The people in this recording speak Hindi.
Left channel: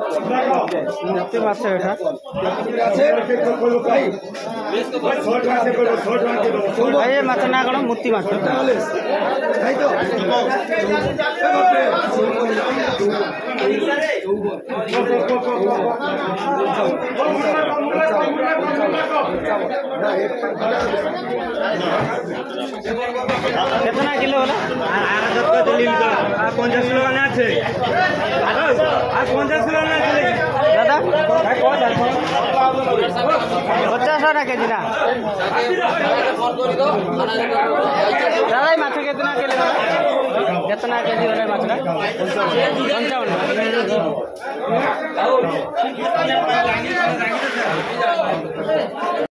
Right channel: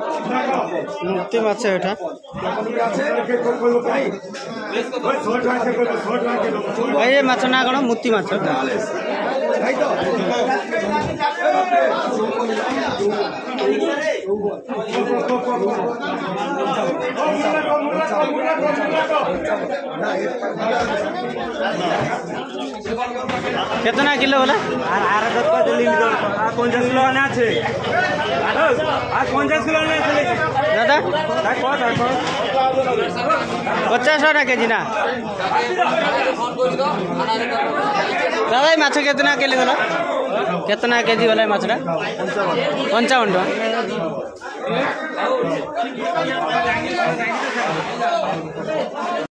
मुक्ति माछ एटा ए माछ ना कोन मुक्ति माछ कितना किलो होला আর 50 কিলো আনা আছে আর 50 কিলো আনা আছে दादा 50 টাকা কেজি না दादा माछ कितना किलो होला कितना केजी होला माछरा 55